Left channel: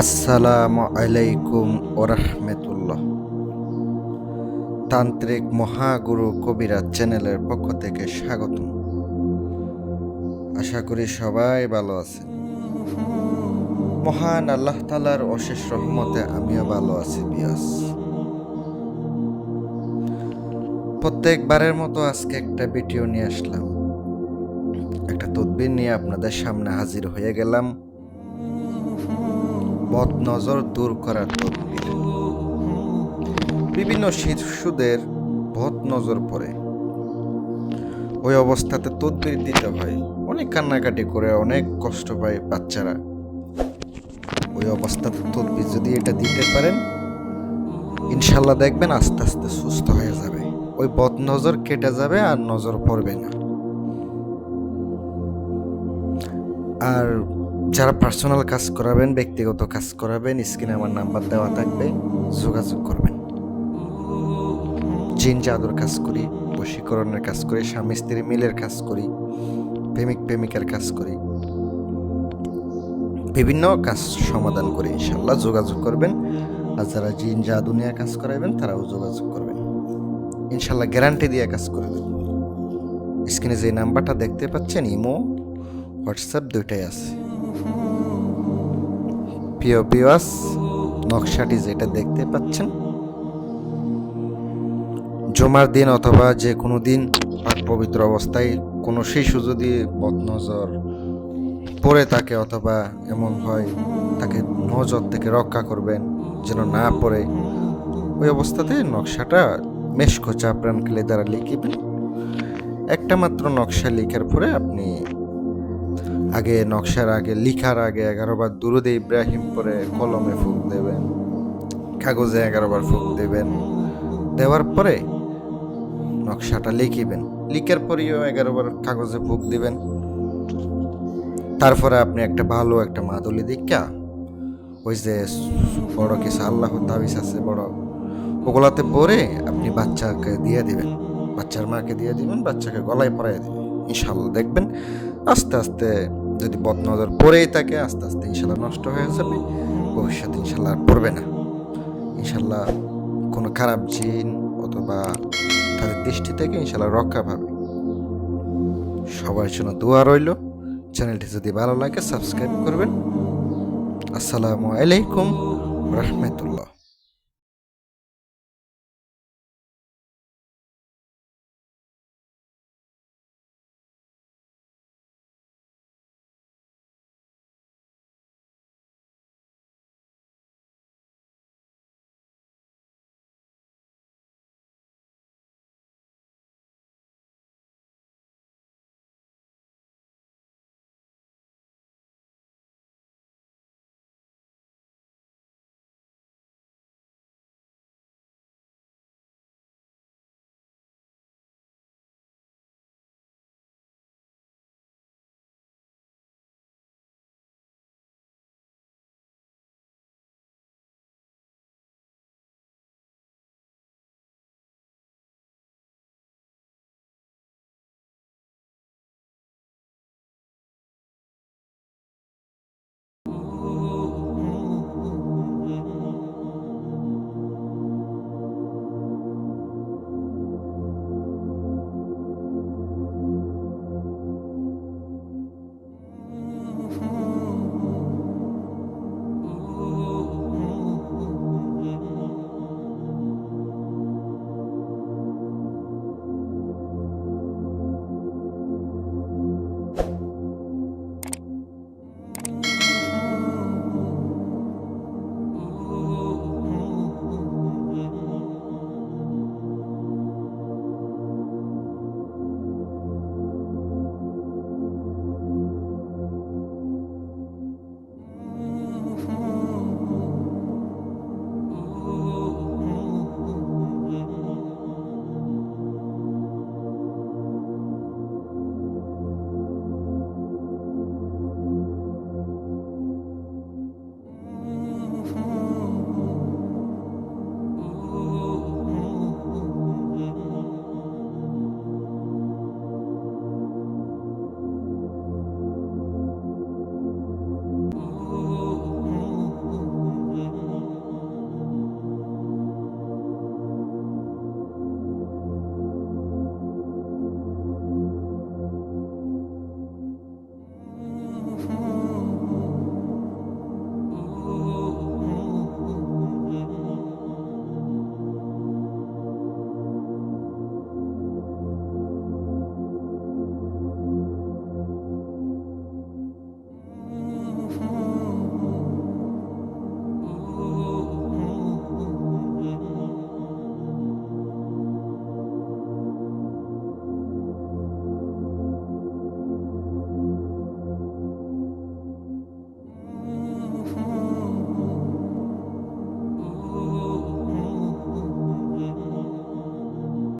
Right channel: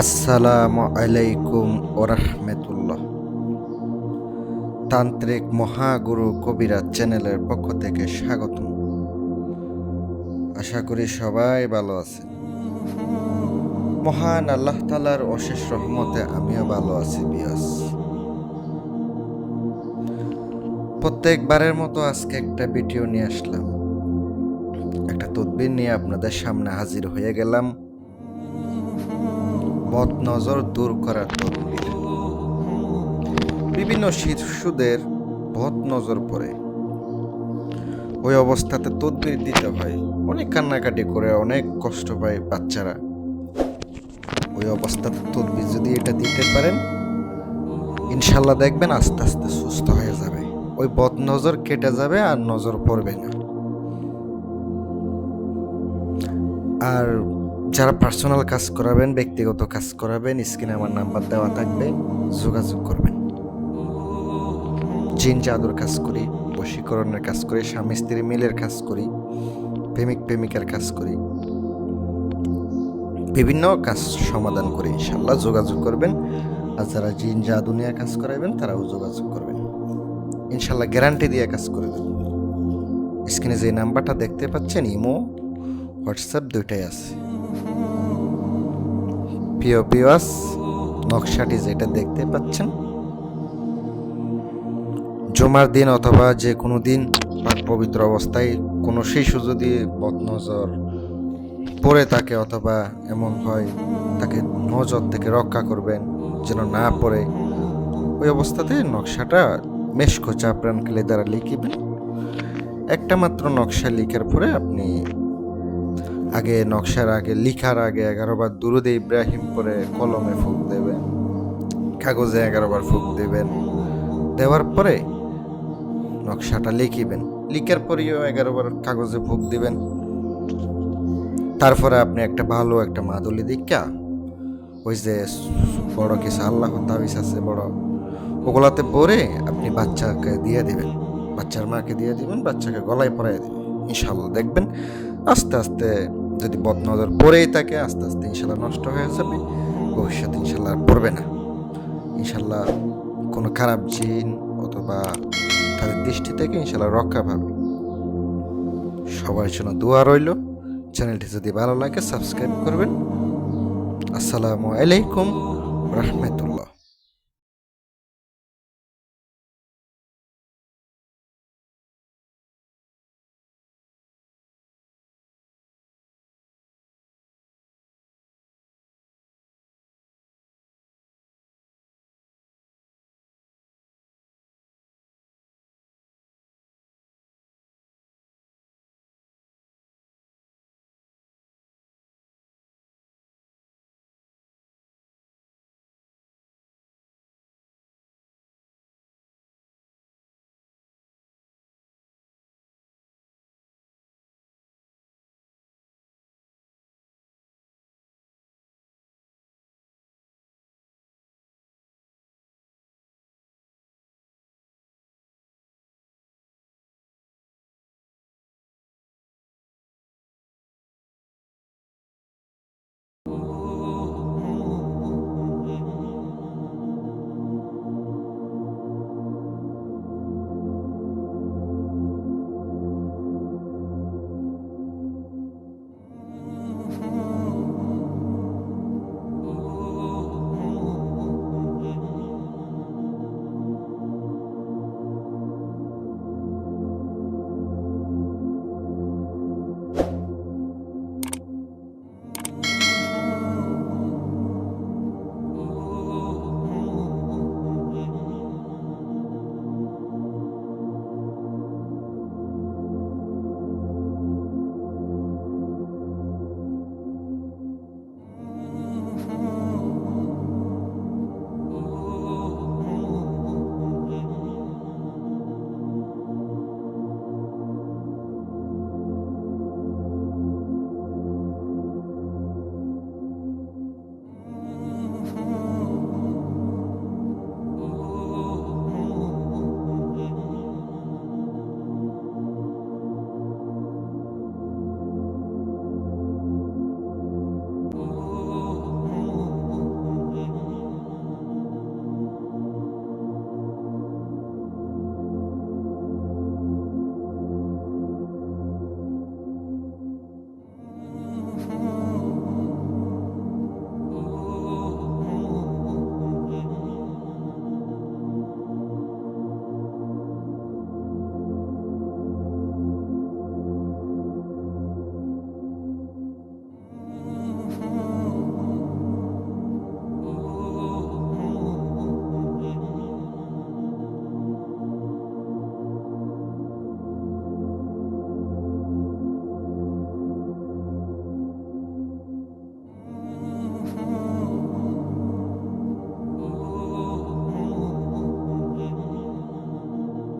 আসসালামু আলাইকুম ওরহমতুল্লাহ। তান্ত্রিক মহাগুরু কবিরাজ চ্যানেলের পক্ষ থেকে স্বাগতম। আশা করি সবাই ভালো আছেন। মহান আল্লাহ তাআলার অশেষ রহমতে আমিও ভালো আছি বিয়াস। প্রত্যেকবারের মতো আজকে একটা ভিডিও নিয়ে আসলাম, একটা তদবির নিয়ে আপনাদের সামনে হাজির হয়ে গেলাম। বদনজর দূর করার তদবির। বিভিন্ন শিশুদের বদনজর পড়ে, ওই অবস্থাতে তদবির দিতে হয়। অনেক কান্নাকাটি করে, অনেক কষ্ট পায় বাচ্চারা। ওই অবস্থাতে তদবির যদি এটা দিতে পারেন, ইনশাল্লাহ দেখবেন আস্তে আস্তে সুস্থ হয়ে যাবে। ওই বদনজর কেটে যাবে আর নজর পড়বে না। আর যারা পার্সোনাল কাজ করাবেন, ব্যক্তিগত কাজ করাবেন, স্ক্রিনে আমার নাম্বার দেওয়া থাকবে, যোগাযোগ করবেন। জিন জাদুর কাজ করি, বশীকরণের কাজ করি, স্বামী স্ত্রী মিলের কাজ করি, প্রেমিক প্রেমিকার কাজ করি, বিভিন্ন কাজ সমাধান করি। ইনশাল্লাহ যোগাযোগ করবেন। আর যারা জিন জাদু নিয়ে কাজ করাবেন তারাও যোগাযোগ করবেন। ইনশাল্লাহ গ্যারান্টি দিয়ে কাজ করে দেব। স্ক্রিনে যে নাম্বারটা দেখতে পাচ্ছেন, ইমো হোয়াটসঅ্যাপ দুইটাই আছে। পিওস নকশাটি যেটা দেখতে পাচ্ছেন, জমার দিন অথবা যে কোনো দিন পাক পবিত্র অবস্থায় কোনো শিশু যদি বদনজর পড়ে থাকে অথবা এমন হয়, তাকে নজর থেকে রক্ষা করবেন যেন না পড়ে। ওই অবস্থাতে নকশাটা মেশকো চাপরান ক্লে দ্বারা লিখিবেন। একটা মাত্র নকশা লিখার পরে আপনি নকশার আগে লিখার আগে 11 বার দুরুদে ইব্রাহিম পরে কলমে ফুঁক দেবেন, কাগজে 11 বার ফুঁক দেবেন। দেওয়ার পরে নকশাটা লিখিবেন, লিখার পরেও 11 বার কাগজে ফুঁক দিবেন। তারপরে আপনি একটা ভালো একটা মাদুলি দীক্ষা, ওই যে বড় কিছু আল্লাহ তাবিজ আছে বড়, ওগুলাতে পরে আপনি বাচ্চাকে দিয়ে দিবেন, বাচ্চার মাকে দিয়ে দিবেন, বাচ্চাকে গলায় পরাই দিবেন। ইনশাল্লাহ দেখবেন আস্তে আস্তে, যদি বদনজর পরেই থাকে আস্তে আস্তে ইনশাল্লাহ নষ্ট হয়ে যাবে। ভবিষ্যতে ইনশাল্লাহ আর পড়বে না। ইনশাল্লাহ কোনো খারাপ জিন অথবা তাদের দৃষ্টি থেকে ইনশাল্লাহ রক্ষা পাবে। সবার জন্য দোয়া রইল। চ্যানেলটি যদি ভালো লাগে সাবস্ক্রাইব করবেন। আসসালামু আলাইকুম রহমতুল্লাহ।